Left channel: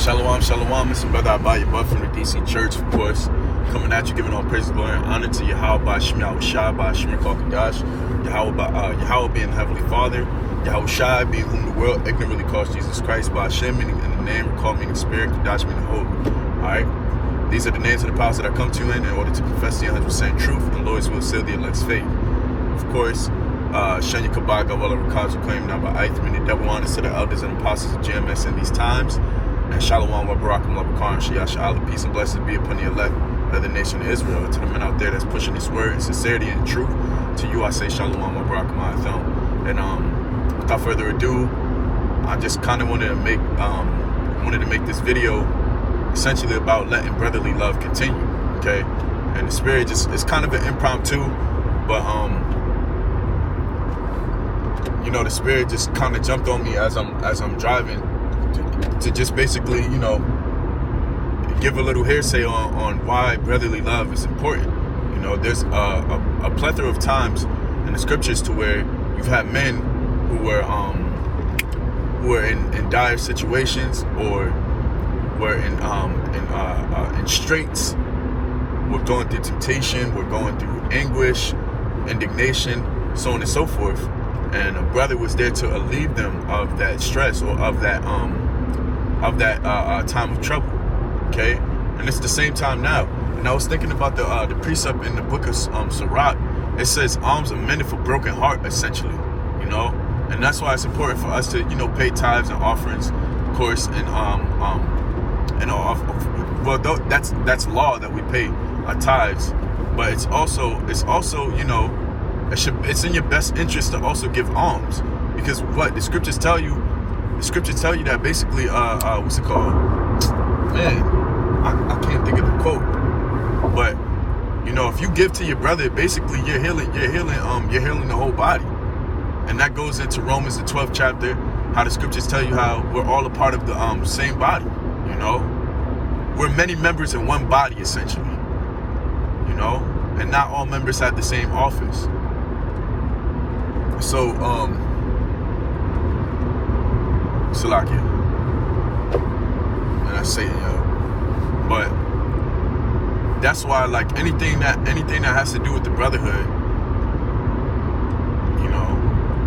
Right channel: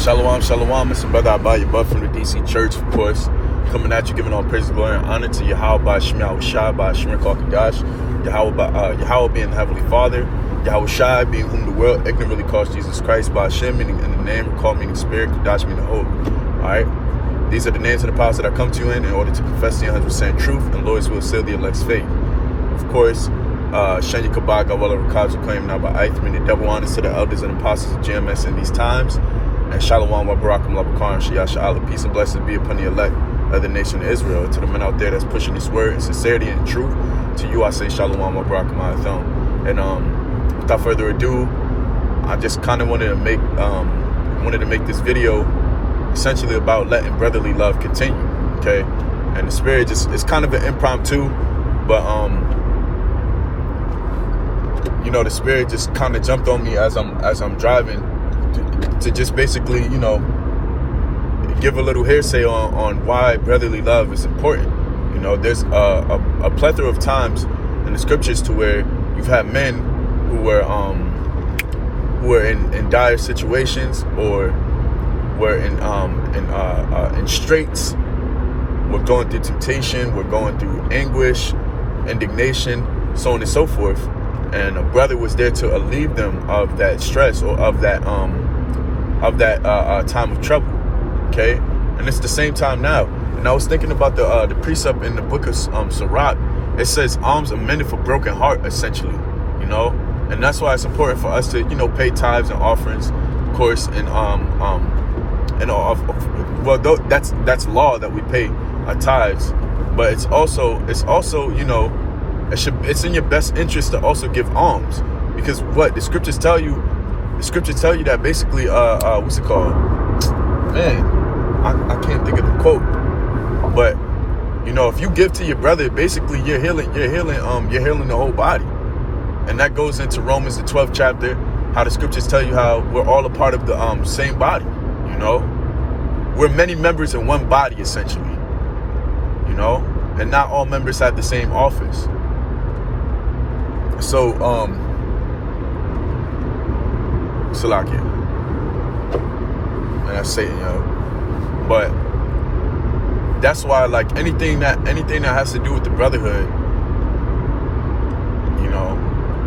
Shalom, shalom. It's your brother Abaya Buff from the DC Church, of course. Coming at you, giving all praise, glory, and honor to Yahweh by Shemi Yahushai by Shemir Kalkagash. Yahweh being the Heavenly Father. Yahweh Shai being whom the world ignorantly calls Jesus Christ by Hashem, meaning in the name, call meaning spirit, Kadash meaning holy. Alright? These are the names of the powers that I come to you in order to confess the 100% truth, and Lord's will seal the elect's fate. Of course, Shenya Kabaga, Walla Rakaj, claim now by Ith, meaning double honors to the elders and apostles of GMS in these times. And Shalom wa Barakum wa Bakar and Shiyah Sha'ala, peace and blessings be upon the elect of the nation of Israel. To the men out there that's pushing this word in sincerity and truth, to you I say Shalom wa Barakum wa Atham. And without further ado, I just kind of wanted to make this video essentially about letting brotherly love continue. Okay, and the spirit it's kind of an impromptu, but the spirit just kind of jumped on me as I'm driving. To just basically, give a little hearsay on why brotherly love is important. There's a plethora of times in the scriptures to where you've had men who were in dire situations or were in straits. We're going through temptation. We're going through anguish, indignation, so on and so forth. And a brother was there to alleviate them of that stress or of that time of trouble. Okay, and it's the same time now. And I was thinking about the precept in the book of Sirach. It says alms are mended for broken heart, essentially. And that's why it's important for us to pay tithes and offerings, of course. And that's law that we pay tithes, but it's also it's in your best interest to also give alms, because what the scriptures tell you. The scriptures tell you that basically, what's it called? Man, I can't think of the quote. But if you give to your brother, basically you're healing the whole body. And that goes into Romans the 12th chapter, how the scriptures tell you how we're all a part of the same body. We're many members in one body, essentially. And not all members have the same office. So Salakia. And I say, but that's why, like, anything that has to do with the brotherhood,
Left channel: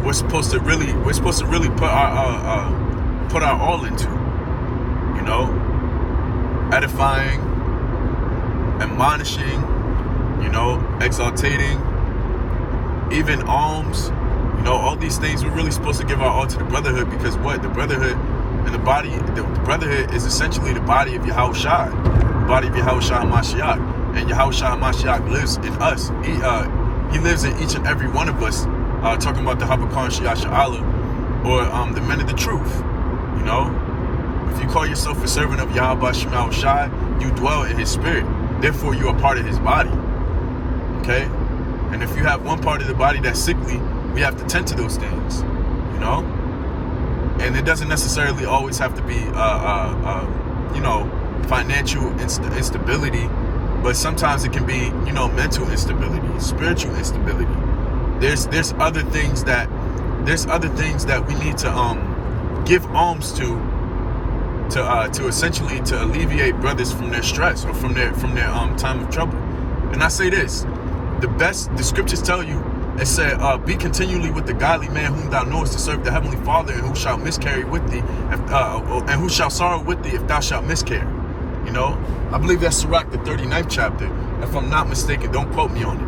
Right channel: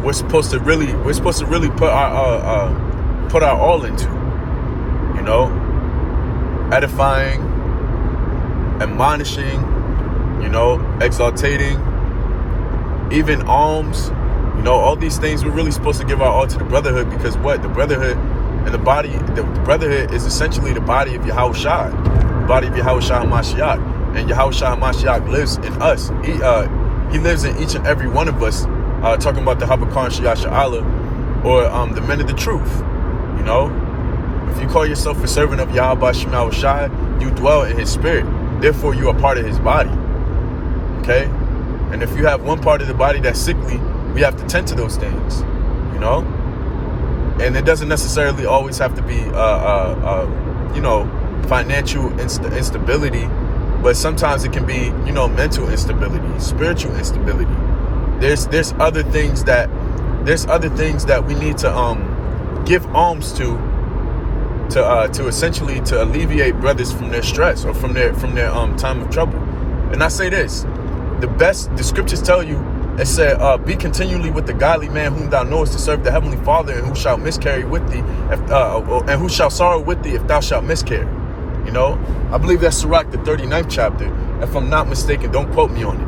we're supposed to really put our all into, edifying, admonishing, exaltating, even alms. All these things, we're really supposed to give our all to the brotherhood, because what? The brotherhood and the body, the brotherhood is essentially the body of Yahushai, the body of Yahushai Mashiach. And Yahushai Mashiach lives in us. He lives in each and every one of us, talking about the Habakar and Shiyah Sha'ala, or the men of the truth. If you call yourself a servant of Yahweh Shemi Yahushai, you dwell in his spirit. Therefore, you are part of his body. Okay? And if you have one part of the body that's sickly, we have to tend to those things, and it doesn't necessarily always have to be, financial instability, but sometimes it can be, mental instability, spiritual instability. There's other things that we need to give alms to essentially to alleviate brothers from their stress or from their time of trouble. And I say this, the scriptures tell you. It said, be continually with the godly man whom thou knowest to serve the heavenly Father, and who shall miscarry with thee, and who shall sorrow with thee if thou shalt miscarry. I believe that's Sirach, the 39th chapter. If I'm not mistaken, don't quote me on it.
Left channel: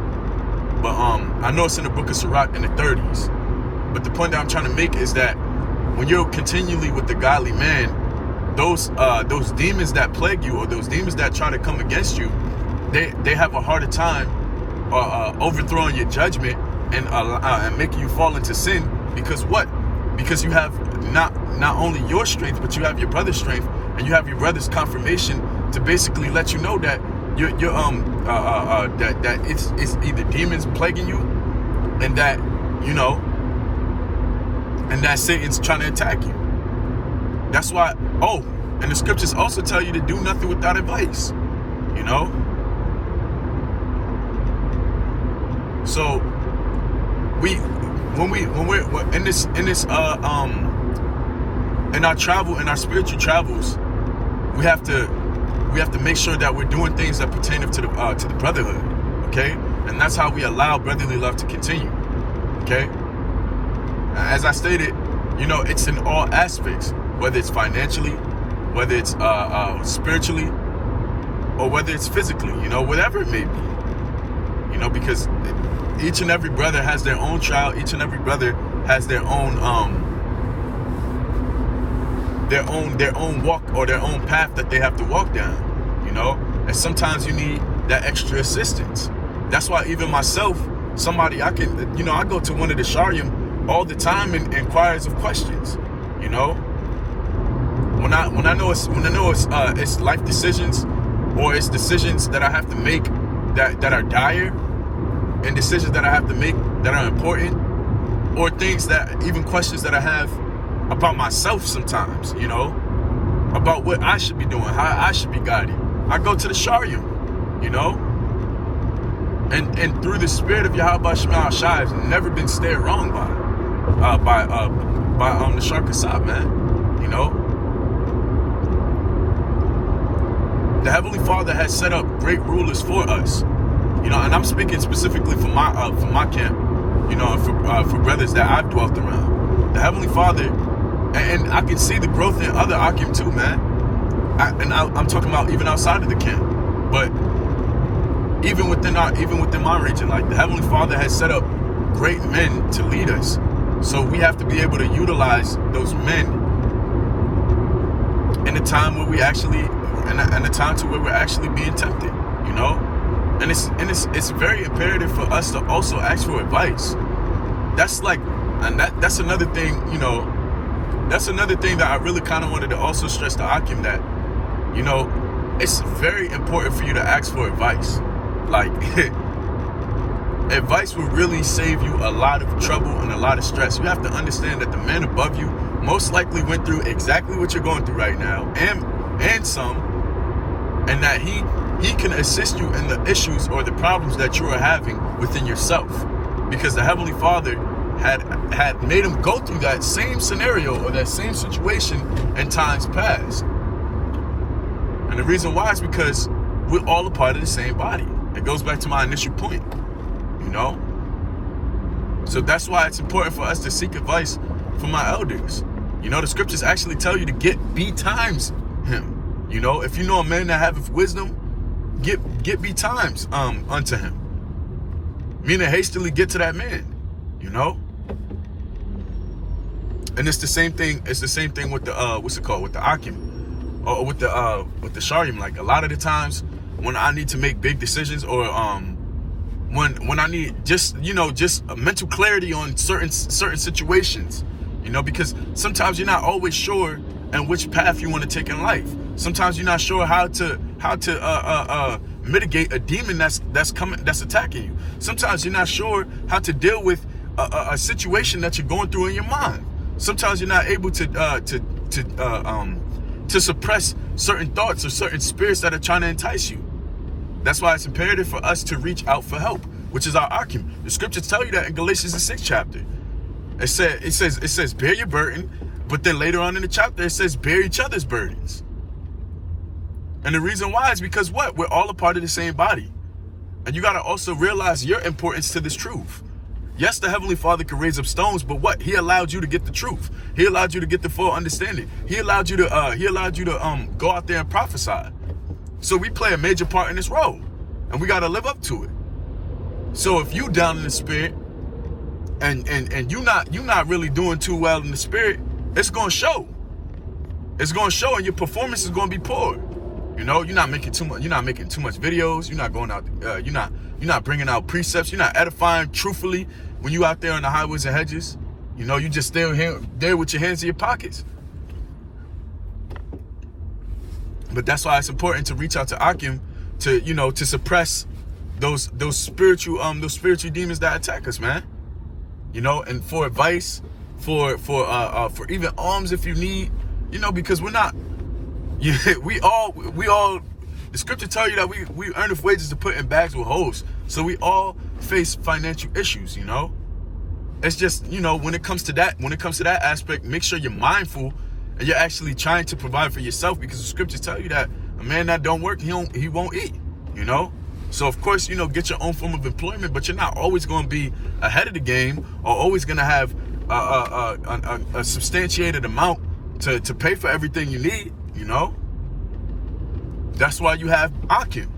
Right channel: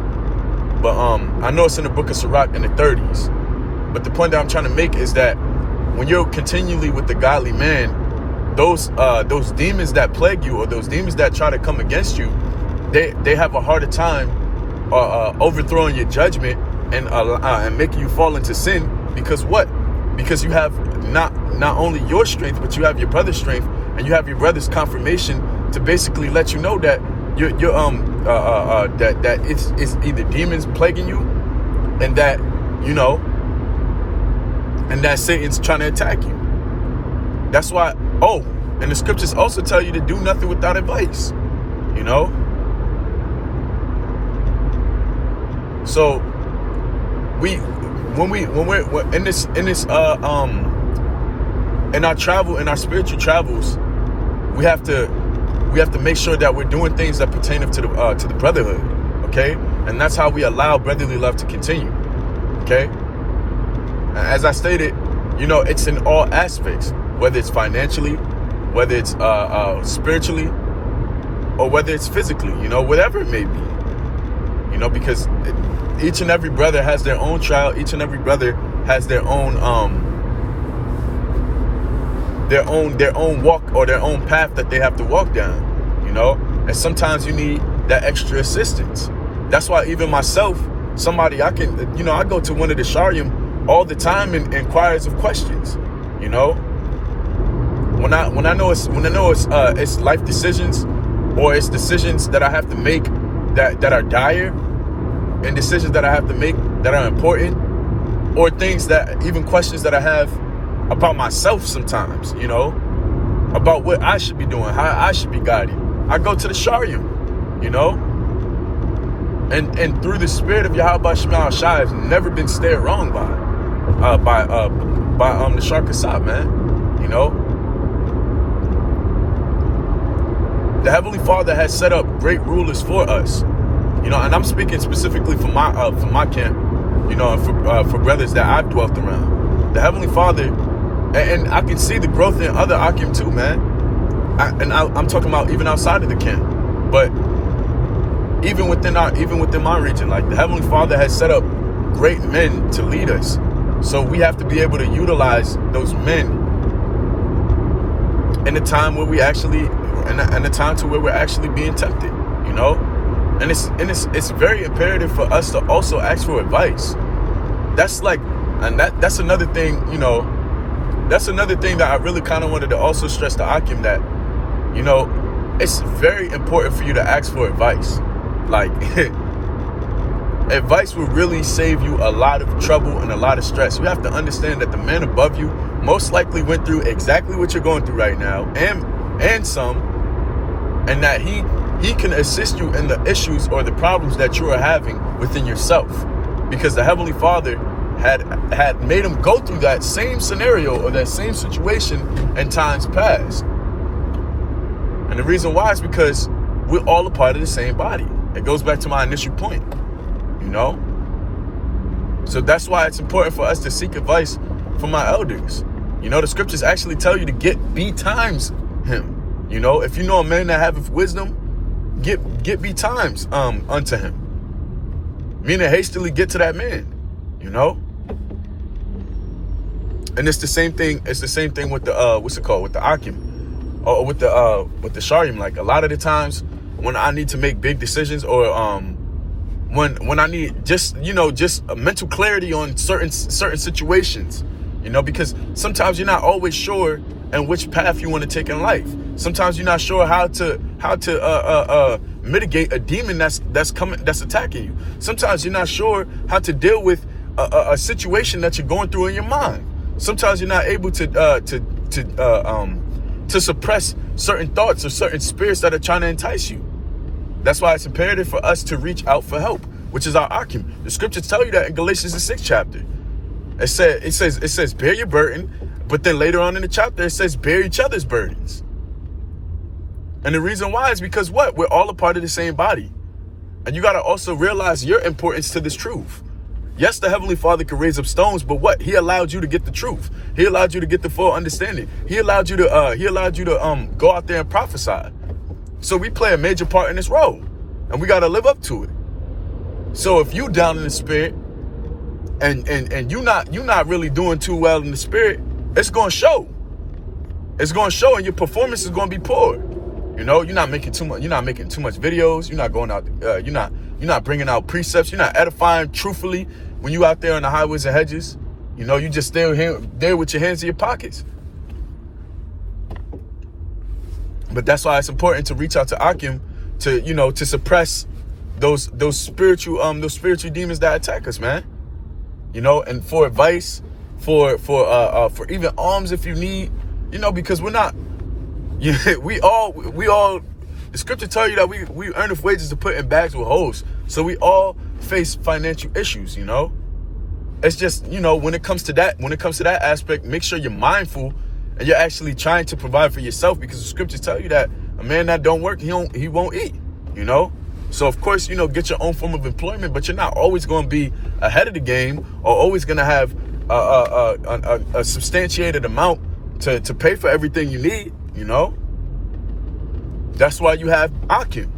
But I know it's in the book of Sirach in the 30s. But the point that I'm trying to make is that when you're continually with the godly man, those demons that plague you, or those demons that try to come against you, they have a harder time overthrowing your judgment and making you fall into sin, because what? Because you have not only your strength, but you have your brother's strength, and you have your brother's confirmation to basically let you know that that it's either demons plaguing you, and that and that Satan's trying to attack you. That's why. And the scriptures also tell you to do nothing without advice. So when we're in our travel, in our spiritual travels, we have to make sure that we're doing things that pertain to the brotherhood, okay? And that's how we allow brotherly love to continue, okay? As I stated, you know, it's in all aspects, whether it's financially, whether it's spiritually, or whether it's physically, you know, whatever it may be, you know, because each and every brother has their own trial. Each and every brother has their own walk or their own path that they have to walk down, you know, and sometimes you need that extra assistance. That's why even myself, somebody I go to one of the Sharim all the time and inquires of questions, you know. When I know it's life decisions, or it's decisions that I have to make that are dire, and decisions that I have to make that are important, or things that, even questions that I have about myself sometimes, you know, about what I should be doing, how I should be guided. I go to the Sharim, you know, and through the spirit of Yahweh Shema Shai, I've never been steered wrong by the Shar Kasab, man, you know. The Heavenly Father has set up great rulers for us, you know, and I'm speaking specifically for my camp, you know, and for brothers that I've dwelt around. The Heavenly Father, and I can see the growth in other Akim too, man. I'm talking about even outside of the camp, but even within my region, like the Heavenly Father has set up great men to lead us. So we have to be able to utilize those men in a time where we actually, in a time to where we're actually being tempted, you know. And it's very imperative for us to also ask for advice. That's like, and that's another thing, you know. That's another thing that I really kind of wanted to also stress to Akim, that, you know, it's very important for you to ask for advice. Like, advice will really save you a lot of trouble and a lot of stress. You have to understand that the man above you most likely went through exactly what you're going through right now, and some, and that he can assist you in the issues or the problems that you are having within yourself, because the Heavenly Father had made him go through that same scenario or that same situation in times past. And the reason why is because we're all a part of the same body. It goes back to my initial point, you know. So that's why it's important for us to seek advice from our elders. You know, the scriptures actually tell you to be times him. You know, if you know a man that haveth wisdom, get be times unto him. Meaning hastily get to that man, you know. And it's the same thing. It's the same thing with the with the Akim, or with the Sharim. Like, a lot of the times when I need to make big decisions, or when I need just a mental clarity on certain situations, you know, because sometimes you're not always sure in which path you want to take in life. Sometimes you're not sure how to mitigate a demon that's attacking you. Sometimes you're not sure how to deal with a situation that you're going through in your mind. Sometimes you're not able to suppress certain thoughts or certain spirits that are trying to entice you. That's why it's imperative for us to reach out for help, which is our Akim. The scriptures tell you that in Galatians the 6th chapter. It says bear your burden, but then later on in the chapter it says bear each other's burdens. And the reason why is because what? We're all a part of the same body. And you got to also realize your importance to this truth. Yes, the Heavenly Father can raise up stones, but what? He allowed you to get the truth. He allowed you to get the full understanding. He allowed you to go out there and prophesy. So we play a major part in this role, and we got to live up to it. So if you down in the spirit, and you're not really doing too well in the spirit, it's going to show. It's going to show, and your performance is going to be poor. You know, you're not making too much videos. You're not going out. You're not bringing out precepts. You're not edifying truthfully when you out there on the highways and hedges. You know, you just there with your hands in your pockets. But that's why it's important to reach out to Akim to suppress those spiritual demons that attack us, man. You know, and for advice, for even alms if you need, you know, because we're not. We all. The scripture tell you that we earn of wages to put in bags with holes. So we all face financial issues, you know. It's just, you know, when it comes to that aspect, make sure you're mindful and you're actually trying to provide for yourself, because the scriptures tell you that a man that don't work, he won't eat, you know? So of course, you know, get your own form of employment, but you're not always going to be ahead of the game or always going to have a substantiated amount to pay for everything you need, you know? That's why you have Akim.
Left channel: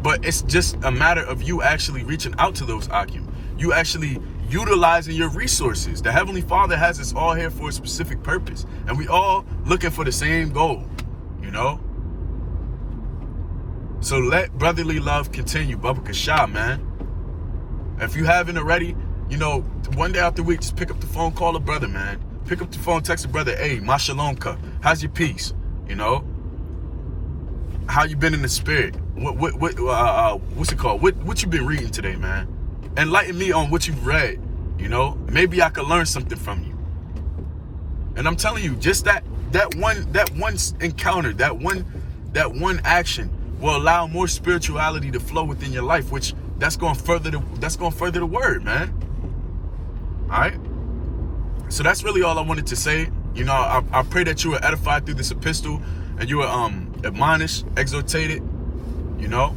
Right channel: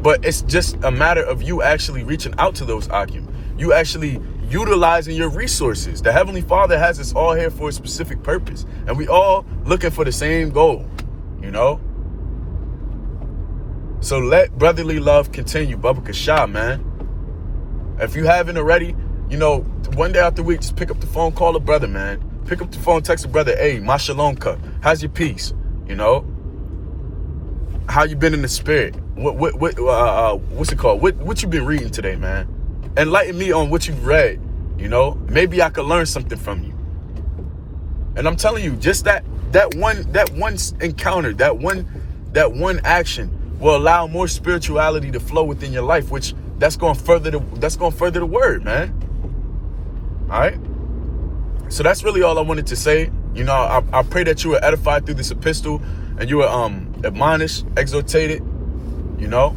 But it's just a matter of you actually reaching out to those Akim. You actually utilizing your resources. The Heavenly Father has us all here for a specific purpose. And we all looking for the same goal, you know? So let brotherly love continue. Baba Kasha, man. If you haven't already, you know, one day out the week, just pick up the phone, call a brother, man. Pick up the phone, text a brother, hey, my shalom cup. How's your peace? You know? How you been in the spirit? What's it called? What you been reading today, man? Enlighten me on what you've read, you know? Maybe I could learn something from you. And I'm telling you, just that one encounter, that one action will allow more spirituality to flow within your life, which that's going to further the word, man. All right? So that's really all I wanted to say. You know, I pray that you were edified through this epistle and you were admonished, exhortated, you know,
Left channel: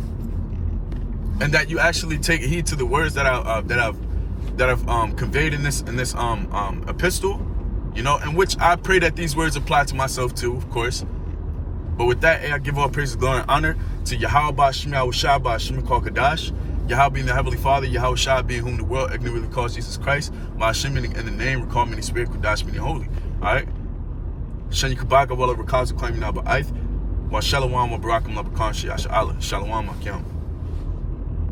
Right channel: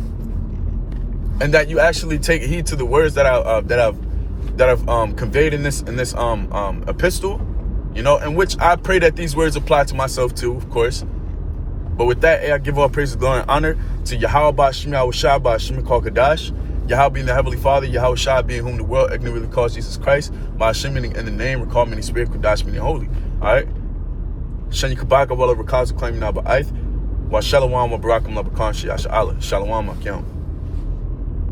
and that you actually take heed to the words that I've conveyed in this epistle, you know, in which I pray that these words apply to myself too, of course. But with that, I give all praise, glory, and honor to Yahweh Ba'Shem Yahushua Ba'Shem Kadash, Yahweh being the Heavenly Father, Yahweh Shai being whom the world ignorantly calls Jesus Christ, Ba'Shem in the name, recall many spirit, Kadash meaning holy. All right? Shen Yikabaka, well over cons, claiming Abba Ith, Wa Shalom, Wa Barakam, Labakan, Shiasha Allah, Shalom, Akim.